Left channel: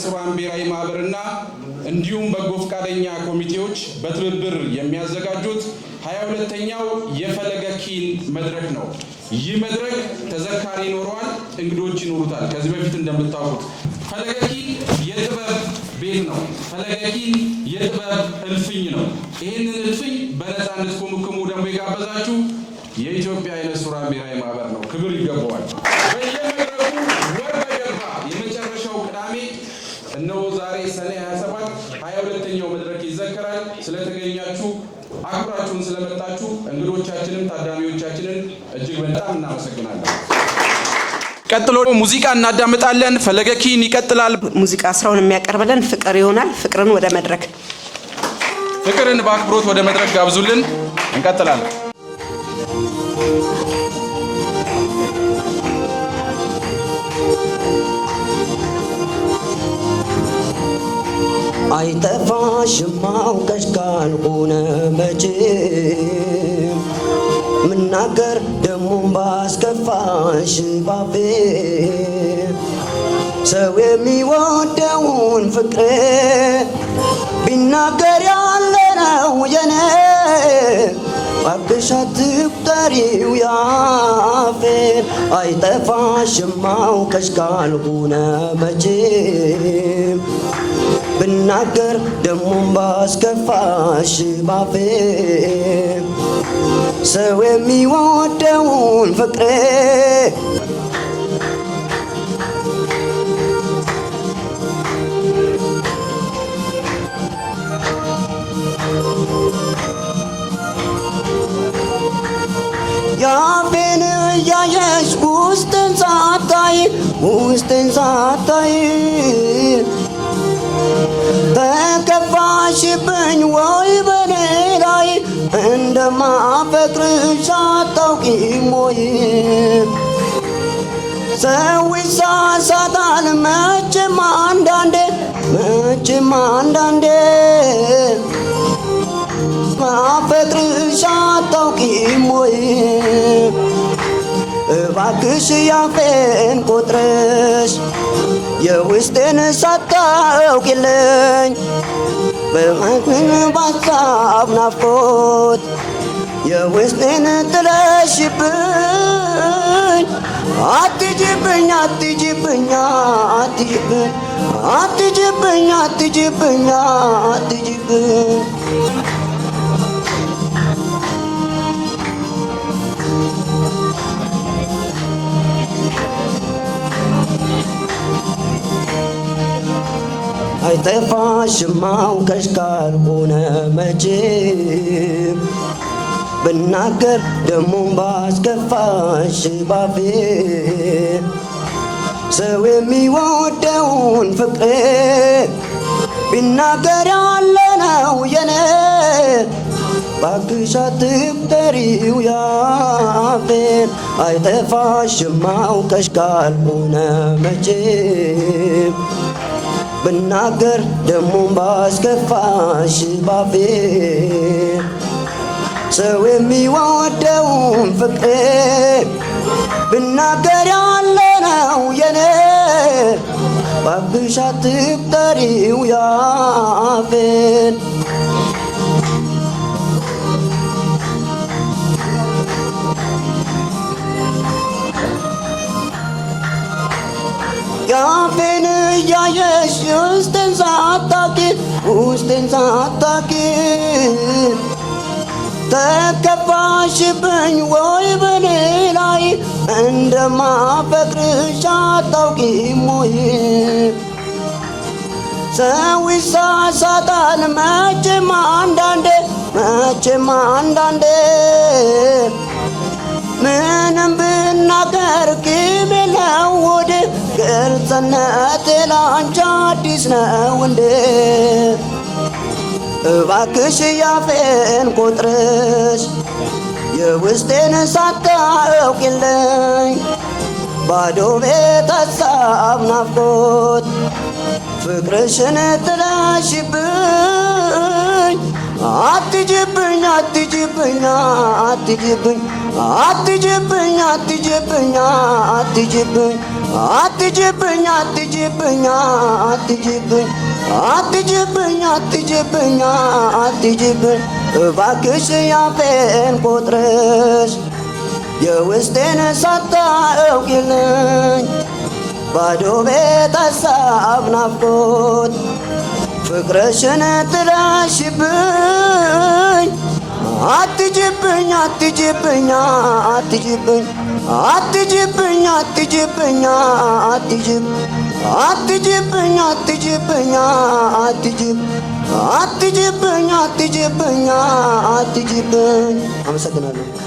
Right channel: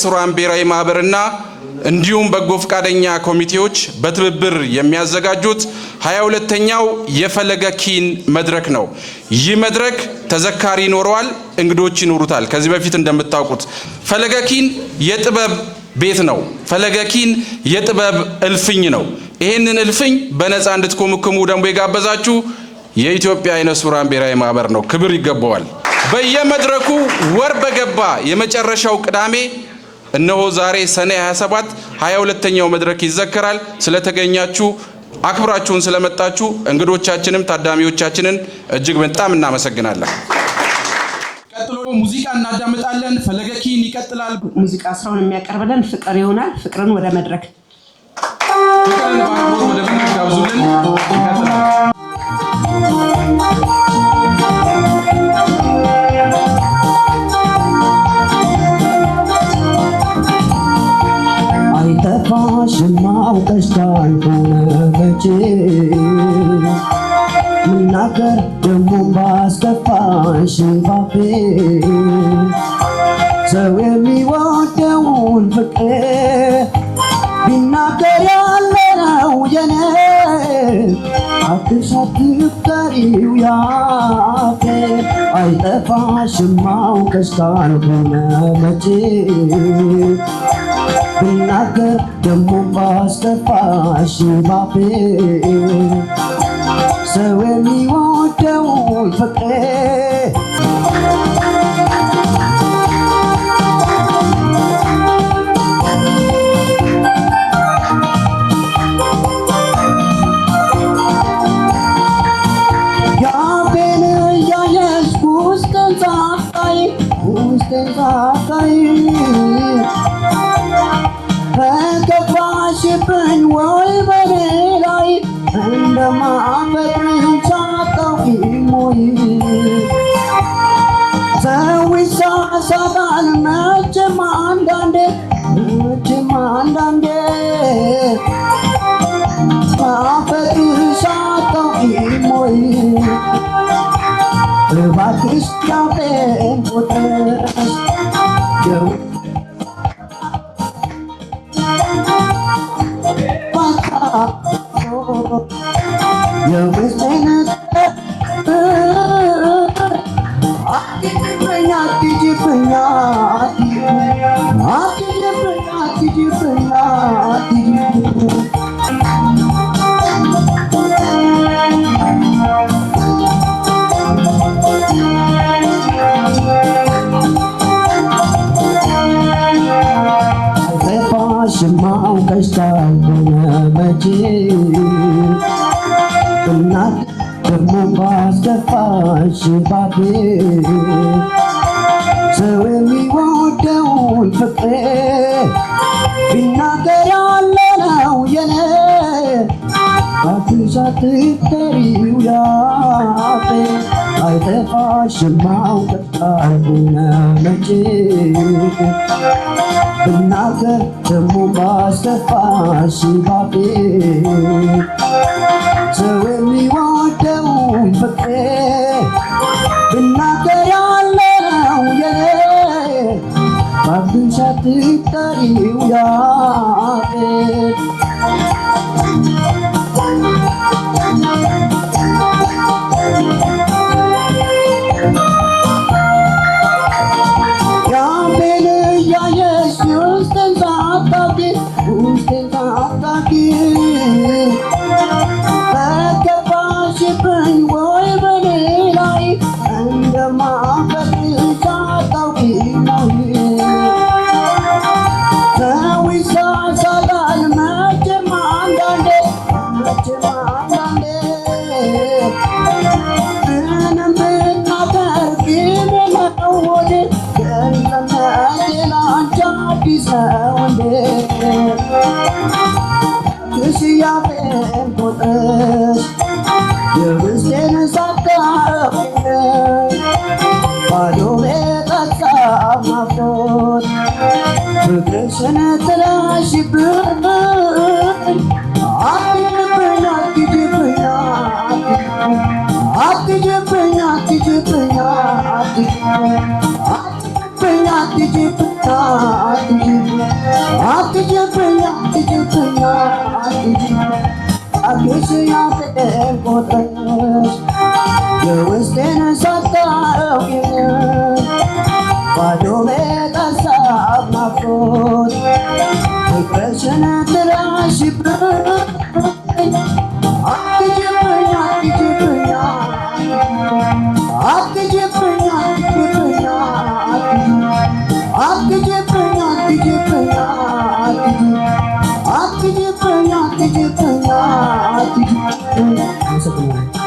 ሱራን ብሔራዊ ማህበርና እንዲሁም በጎ ፈቃደኛ ኮሚቴዎች በትብብር የሚያዘጋጁት 22ኛው የፈለገ ኪን መድረክ ነው። ይህ መድረክ ተዘካሪ ይኖረዋል፣ እንግዶች ይኖሩታል። ከዚህ በፊት እንደምታውቁት ፈለገ ኪን የጥበብ ቤት ነው። ፈለገ ኪን የጥበብ እልፍኝ ነው። ይህንን እልፍኝ በነፃ እንድትኮመኩሙ ደግሞ የጋበዛችሁ የኢትዮጵያ አይነ ሱራን ብሔራዊ ማህበር ነው። ክብር ይገባዋል። በየመድረኩ ወር በገባ የመጨረሻው ቅዳሜ እነሆ ዛሬ ሰኔ 27 22ኛው መድረክ ይዘከራል። ስለተገኛችሁ አክብራችሁን ስለመጣችሁ እንግዶቻችንም ታዳሚዎቻችንን እጅግ በጣም እናመሰግናለን። ቀጥሎ ሙዚቃ እናዳምጣለን። ፈለገ ኪን ይቀጥላል። ሙዚቃ ስራውን የሚያቀርብልን ፍቅር ይሆናል። ፍቅርን ወደ መድረክ ፍቅርን በአክብሮት ወደ መድረክ ጋብዙልን። ይቀጥላል። አይጠፋሽም አውቀሽ ካልሆነ መቼ ምናገር ደሞ ባስከፋሽ ባፌ ሰው የሚወደውን ፍቅር ቢናገር ያለነው የኔ አትሽ አትቁጠሪው ያፌ አይጠፋሽም አውቀሽ ካልሆነ መቼ ብናገር ደሞ ባስከፋሽ ባፌ ሰው የሚወደውን ፍቅር ያፌን እያየሽ ውስጥን ሳታይ ተከፋሽብኝ ወይ በኔ ላይ እንደማፈቅርሽ አታውቂም ወይ? ሰው ይሳሳታል መቼም አንዳንዴ ማፈቅርሽ አታውቂም ወይ? እባክሽ ያፌን ቆጥረሽ የውስጤን ሳታውቂልኝ በሀሳብ ናፍቆት የውስጤን ጥለሽብኝ አትጅብኝ አይጠፋሽም አውቀሽ ካልሆነ መቼ ብናገር ደሞ ባስከፋሽ ባፌ ሰው የሚወደውን ፍቅር ቢናገር ያለነው የኔ እባክሽ አትቁጠሪው ያፌ አይጠፋሽም አውቀሽ ካልሆነ መቼ ብናገር ደሞ ባስከፋሽ ባፌ ሰው የሚወደውን ፍቅር ብናገር ያለነው የኔ እባክሽ አትቁጠሪው ያፌን ያፌን እያየሽ ውስጤን ሳታውቂ ተከፋሽብኝ ወይ በኔ ላይ እንደማፈቅርሽ አታውቂም ወይ? ሰው ይሳሳታል መቼም አንዳንዴ ምንም ብናገር ቂም ነው ወደ ግልጽነቴ ላንቺ አዲስ ነው እንዴ? እባክሽ ያፌን ቆጥረሽ የውስጤን ሳታውቂልኝ ባዶ ቤት ሀሳብ ናፍቆት ፍቅርሽን ጥለሽብኝ አትጅብኝ አትጅብኝ አትጅብኝ አትጅብኝ አትጅብኝ አትጅብኝ አትጅብኝ እባክሽ ያፌን ቆጥረሽ የውስጤን ሳታውቂልኝ ባዶ ቤት ሀሳብ ናፍቆት ፍቅርሽን ጥለሽብኝ አትጅብኝ አትጅብኝ አትጅብኝ አትጅብኝ አትጅብኝ አትጅብኝ አትጅብኝ አትጅብኝ አትጅብኝ አትጅብኝ አትጅብኝ። አመሰግናለሁ።